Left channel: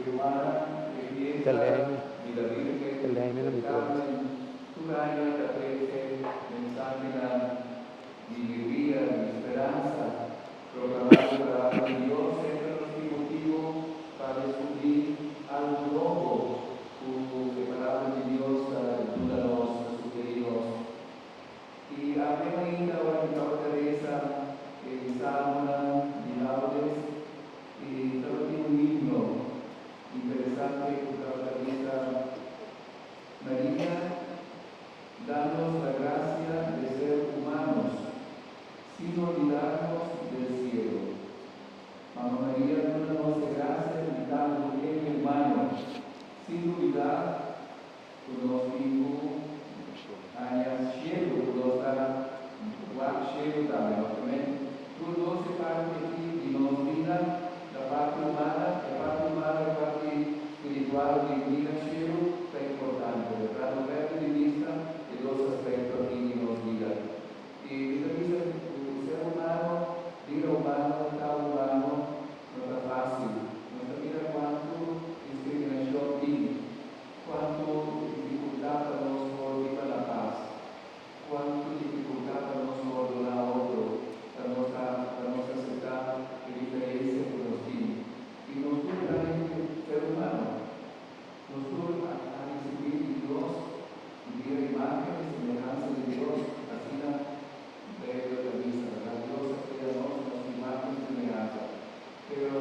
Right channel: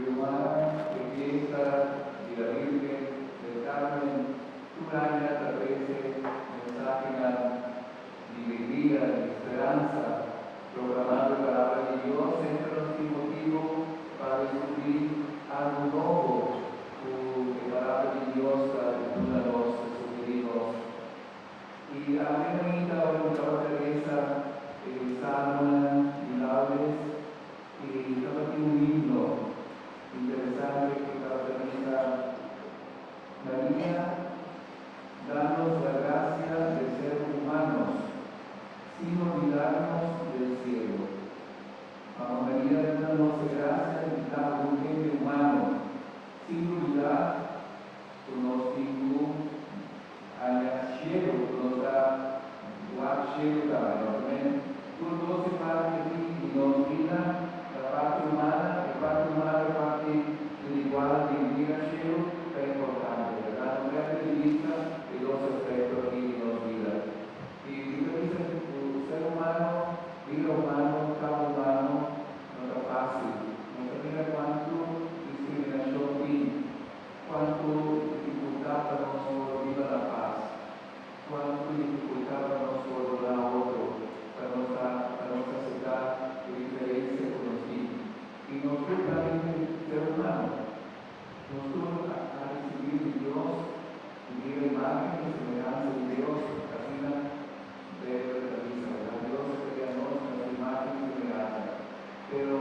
del N non mi piace. Tu reina trapese mensaglia di alegría, de esperanza, proclamar la palabra de Dios, entre los motivo para descubrir algo nuevo, tu palabra de Dios, ayúdanos, sugerimos. Y amén, ahora Teresa, Salma, Milagres, y también un himno interesante que Teresa María, danos la gracia de ser humanos, sin olvidarnos del cielo. Mamá María, danos gracia de dar un bien humano, sin olvidar los hijos haya cielo, los da cielo también. Tú no se parte y nos vida la parte humana, la parte espiritual, de vida cielo, es importante, ¿verdad? No hay de vista de dos aspectos aquí que nos vida. Y lo dice, el ser humano, vida humano, cada humano, no es fácil. No se mira cuánto discriminación tiene, cuánto dificultad para nosotros vivir la paz, cuánto dificultad para nosotros donar a otro, para nuestra sociedad que diferencia con los niños. Y nosotros también, ser humano, nosotros a recibir de Dios, vivir imagen y semejanza de Dios, así de la vista, ¿verdad? Dios creamos en su imagen y semejanza. Pero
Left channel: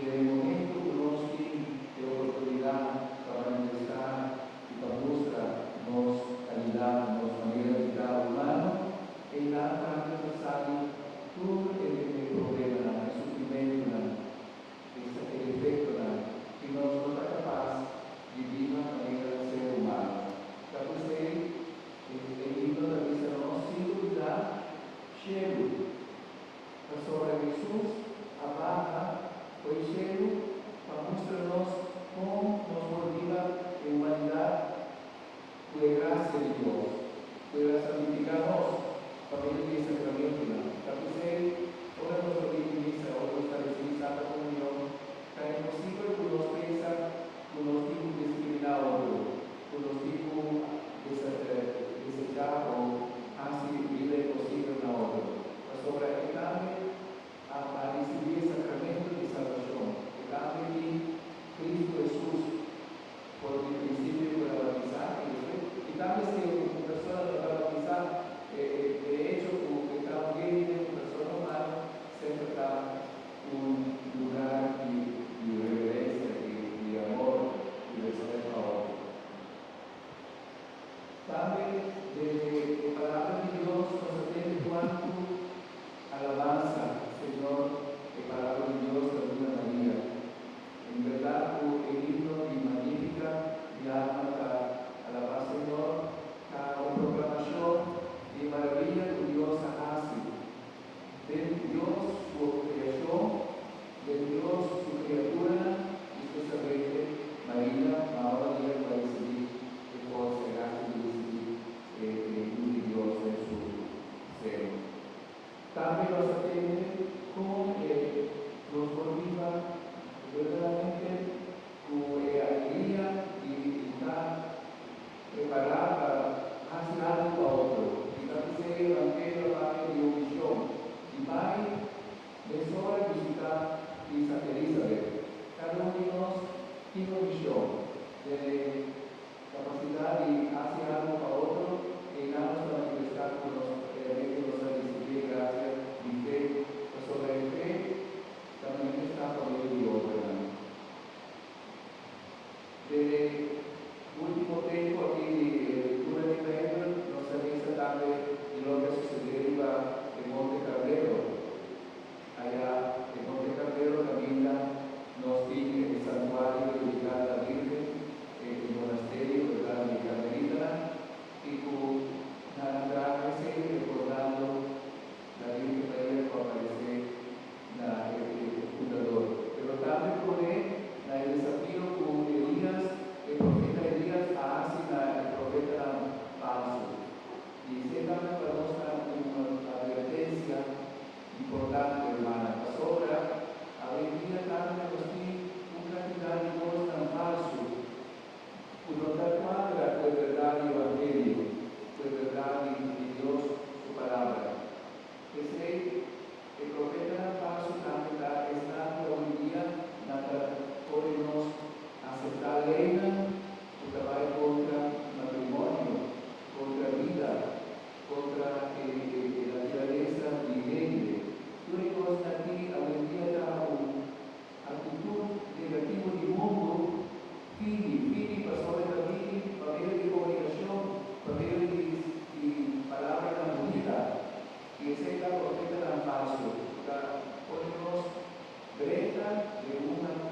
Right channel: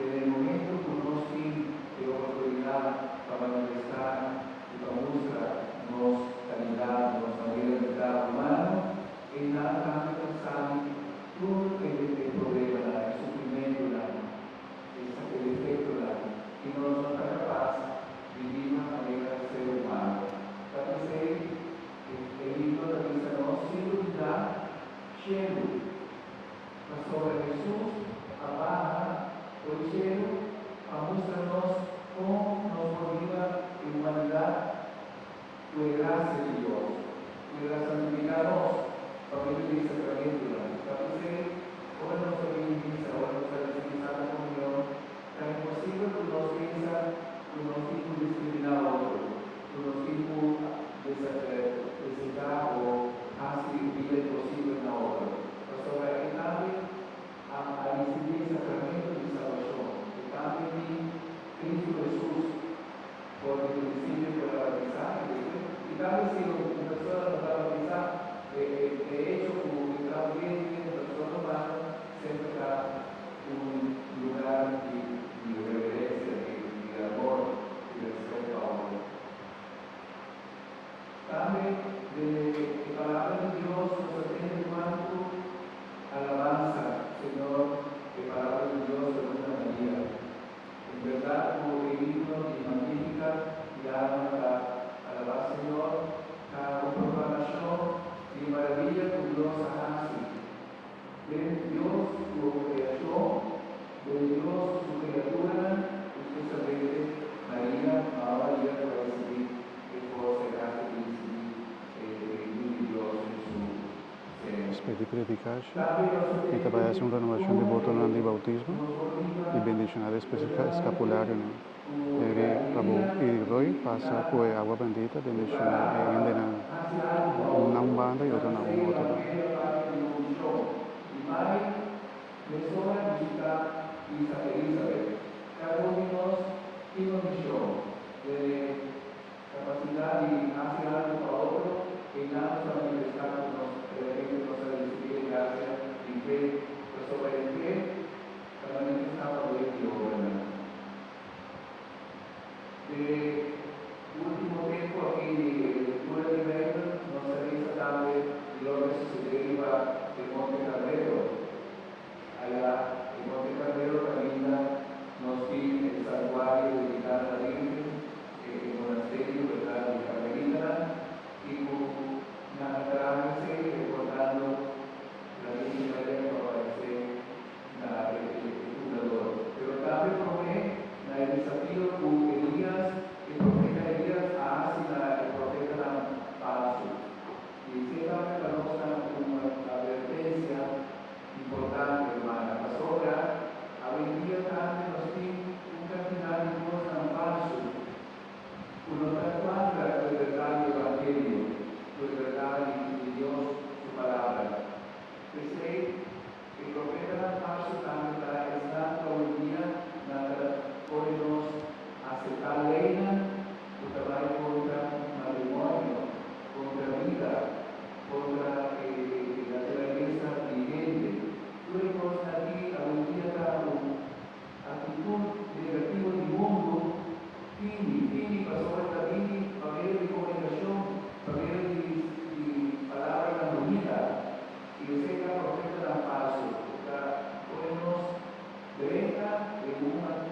en el momento que uno tiene oportunidad para manifestar y para mostrarnos calidad, nos manera de cada humano, en la práctica sale todo el problema, el sufrimiento, el efecto, que no está capaz de vivir una manera de ser humano. Entonces, el libro de la Cristo no se duda, cielo, sobre Jesús, abaja el cielo, a mostrarnos cómo nos motiva en humanidad, fue gracia de Dios, fue la santificarnos, para vivir el sacramento. Entonces, ahora nos organiza, ahora nos recibir la comunión, tan imposible que nos piensa, que nos hijos discriminar a otro, que nos hijos desechar o hacer vida imposible a otro. Sobre el cambio, a recibir el sacramento de salvación, el cambio de Cristo Jesús, por el principio de la aprendizaje. Y tal vez si una persona no va a avanzar, de hecho, como está ambiente, persona humana, siempre está un lugar de reverencia, de amor y respeto a otro. También de palabra de Dios nos atiende cuanto alabanza, Señor, que palabra de Dios de alguna manera. En verdad, como el himno y magnífica y alma alabar Señor, a proclamación de maravilla que Dios hace. De Dios su creación, de Dios su criatura, especialmente María, ahora María para recibir que todo será que recibir Dios en su seno. Aspetti predicaci, e trabalhas una renovación de voto en el bautismo y bendicionar especial escapulario. Prabhu y Roy pasa pues agua bendita de misionar e envenenada. Una umbanda y otra una voto. Capacidad de hacer algo para otro, que nada nos va a manifestar que nos va a recibir gracia y fe, pues sobre el fe, también está por el Dios, ¿verdad? De último tiempo aquí, el cura de Weber nos avisa también de lo que sucedió para de una